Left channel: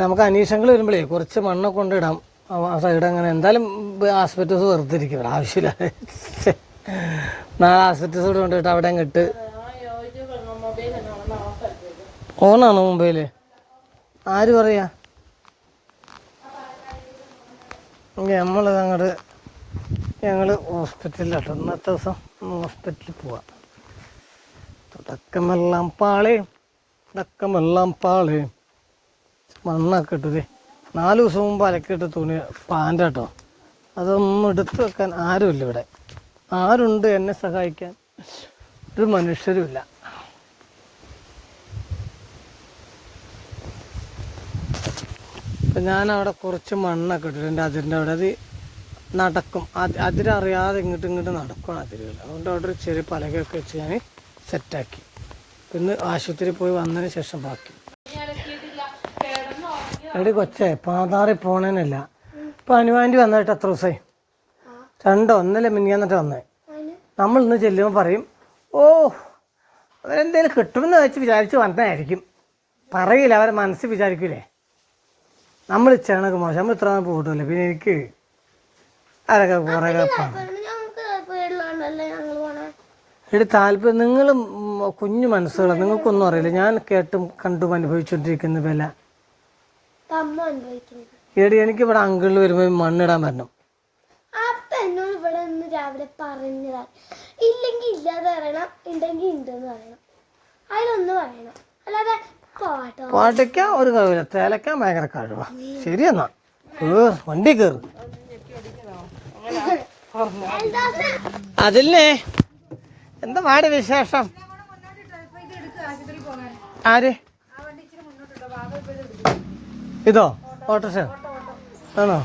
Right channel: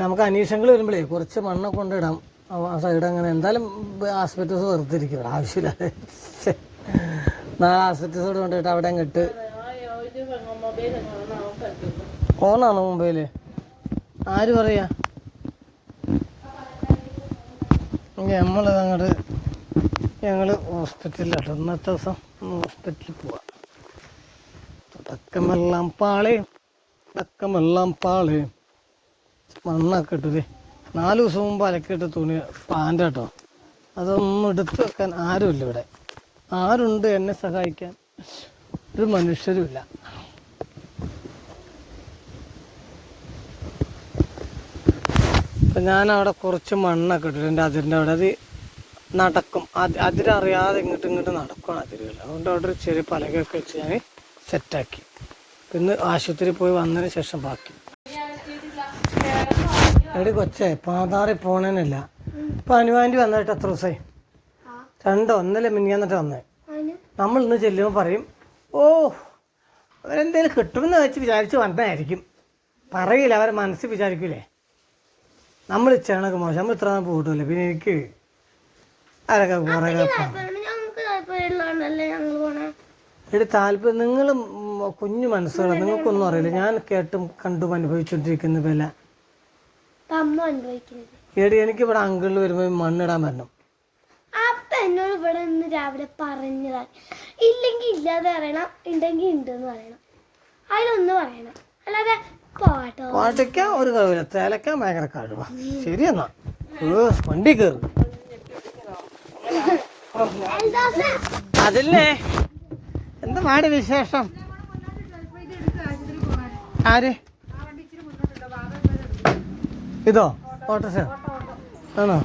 നമുക്ക് അന്വേഷണങ്ങൾ വരുമ്പോഴേ കുറച്ച് മണ്ണൊക്കെ കൊണ്ടിടാം ആ സൈഡ്. അങ്ങനെ എന്തായാലും ആസ്പെറ്റോസ് വെറുതെ ഇരിക്കും, ആവശ്യമില്ല. 4 ആസ്പെറ്റോസ് കൂടെ കൊണ്ടിട്ട് അവിടെ ഇട്ട്. ഓണാണോ മൊബൈല്? ആര് പറയാ? ഞങ്ങള് ഹോസ്പിറ്റലിലാട്ടോ ഇന്നത്തെ ദിവസം. ഹോസ്പിറ്റലിൽ പോവാം. തുടക്കമെല്ലാം പാള് മണ്ണൊക്കെ ഇട്ടത് 4 ദിവസം മുമ്പ് അലക്കിയിട്ട് തുണി പാൻ്റാട്ടോ. അതൊന്നും എടുത്തു വെക്കാൻ ആരുമില്ല ഇവിടെ. ആരുണ്ട് എന്നെ സഹായിക്കാൻ? ഒരു മനുഷ്യരുമില്ല. അപ്പം ഞാനവിടെ കുറച്ച് മണ്ണൊക്കെ ഇട്ടിട്ടുണ്ട് അതിൻ്റെ അവിടെ. അത് നടക്കും, അതിരറിയാതെ ഇങ്ങോട്ട് നടക്കും അതിരുകൾ. അതുകൊണ്ട് അവിടെ ഒരു ചെറിയ പലകയൊക്കെ വെച്ച് ഞാൻ സെറ്റാക്കി. പിന്നെ ആശുപത്രിയിൽ പോയി വന്നതിന് ശേഷം ബാക്കി. എടി കൊച്ചേ, പാതാറി പോണേനല്ല. ഇപ്പം അനുവാൻ്റെ വന്നിട്ട് എത്ര ദിവസമായി? 2 ഒന്നല്ലേ മിനിഞ്ഞാന്നിട്ട് വന്നേ. നമ്മൾ ഇന്ന് ചെല്ലുമ്പോൾ പറയും, ഓ അവരെന്തേലും കിട്ടുമെന്ന് വെച്ച് വിചാരിച്ച് വന്നതായിരിക്കും. പറയില്ല, അവരെ മനസ്സിൽ വിചാരിക്കൂലേ നമ്മൾ ഇച്ചണക്ക് മോശം. നമ്മൾ ഇത്ര പോയിട്ടില്ല. പിന്നെ എനിക്ക് അതൊക്കെ കുറേ എടി താല്പര്യം. നിങ്ങളും കുഞ്ഞു മനസ്സുകളാണ്, നിങ്ങൾക്കൊന്നും അറിയില്ല. ഞാൻ കേട്ടും കണ്ടും അനുഭവിച്ചുകൊണ്ടിരിക്കുന്ന വില. എടി എനിക്കിവിടെ അങ്കിളിൽ വരുമ്പോൾ മണ്ണിടാൻ വരണം. എന്നോട് ഇവിടെ നിന്ന് രാവിലെ പറഞ്ഞതാണ്. ഇല്ലെങ്കിൽ ഇല്ലാതെ പറയണം, ഉണ്ടെങ്കിൽ ഉണ്ടെന്ന് പറയണം. അതിലൊന്ന് പറയണം, അല്ലാതെ പാട്ടയ്ക്ക ഒരു കഴിവില്ല, തേലക്കാൻ ഭയങ്കര കഴിവാ. ശരിയെന്നാ വണ്ടി കയറും. അതില്ലേ എന്താ പാട് വിശേഷം? ആര്? ഇതോ ഓട്ടോറിക്ഷ ആണോ?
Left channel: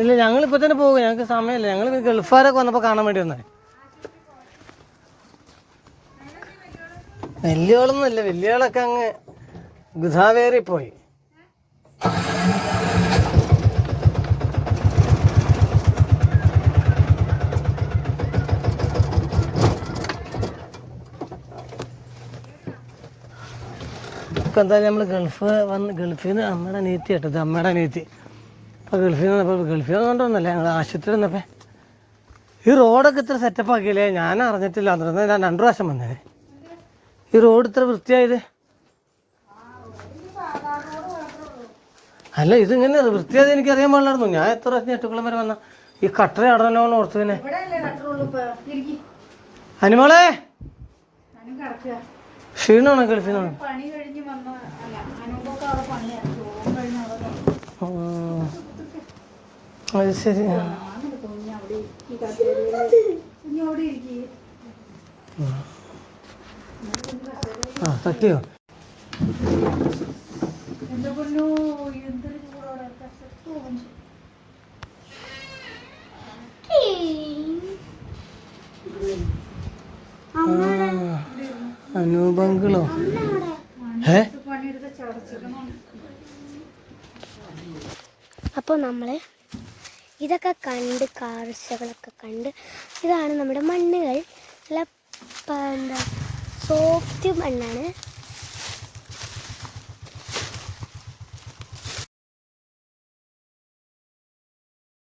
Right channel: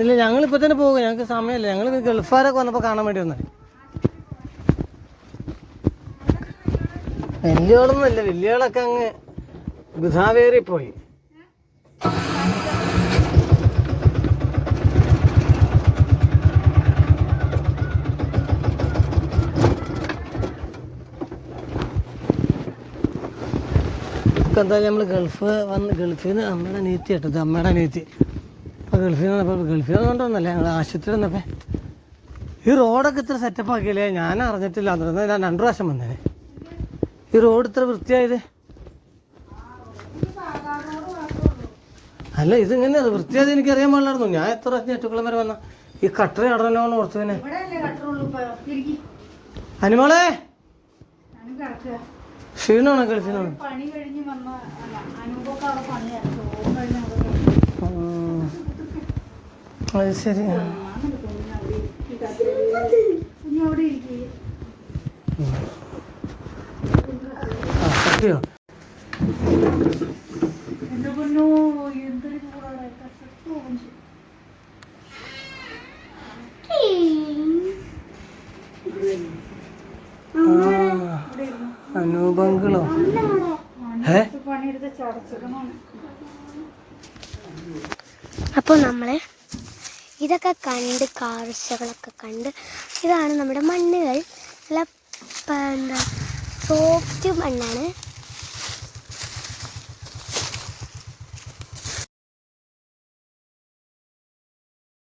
ഇല്ല, ഞങ്ങളിപ്പോൾ തന്നെ പോകുക. ഞങ്ങൾക്ക് സമയമില്ല. ഞങ്ങൾ ഗൾഫുകാരൊക്കെ വന്നപ്പോൾ കാണാൻ വേണ്ടി വന്നത്. വലിയവളൊന്നുമില്ല, വലിയവളൊക്കെ അങ്ങ് ഗുദാവേറി പോയി. എന്തായാലും നമ്മൾ ഗൾഫിൽ നിന്ന് അമ്മയുടെ നീത്തി കേട്ടത്, അമ്മയുടെ നീത്തി. അപ്പോൾ ഗൾഫിൽ നിന്ന് കൊണ്ടുവന്നല്ലേ ഞങ്ങൾ ആശുപത്രി വന്നപ്പോൾ. ഈ റോഡൊക്കെ ഇത്ര സെറ്റപ്പ് ആക്കിയില്ലേ? ഞാൻ അറിഞ്ഞിട്ടില്ല. അന്ന് ഞാൻ 2 പ്രാവശ്യം വന്നേനെ. ഈ റോഡ് ഇത്ര വൃത്തിയായത് അല്ല. ഇതിങ്ങനെ വൃത്തിയായത് എനിക്കറിയാൻ പാടില്ലായിരുന്നു. ഞാൻ എത്ര പ്രാവശ്യം ഞെട്ടുക്കുളം വരെ വന്ന ഈ കട്ടറ അടനല്ലോ ഓർത്തതിനെ. അനുമോളെ ക്ഷീണമാണ് ഗൾഫിൽ നിന്ന്. അത് ശരി. സത്യോ? അനൂപങ്കിളോ? അപ്പോൾ നമ്മള് ഇതൊക്കെ കണ്ട് കാഴ്ചകളൊക്കെ കണ്ട്, ഇതാണ് നമ്മുടെ മണ്ണുകൾ. നല്ല എന്താ സോഫ്റ്റ് മണ്ണാണ്.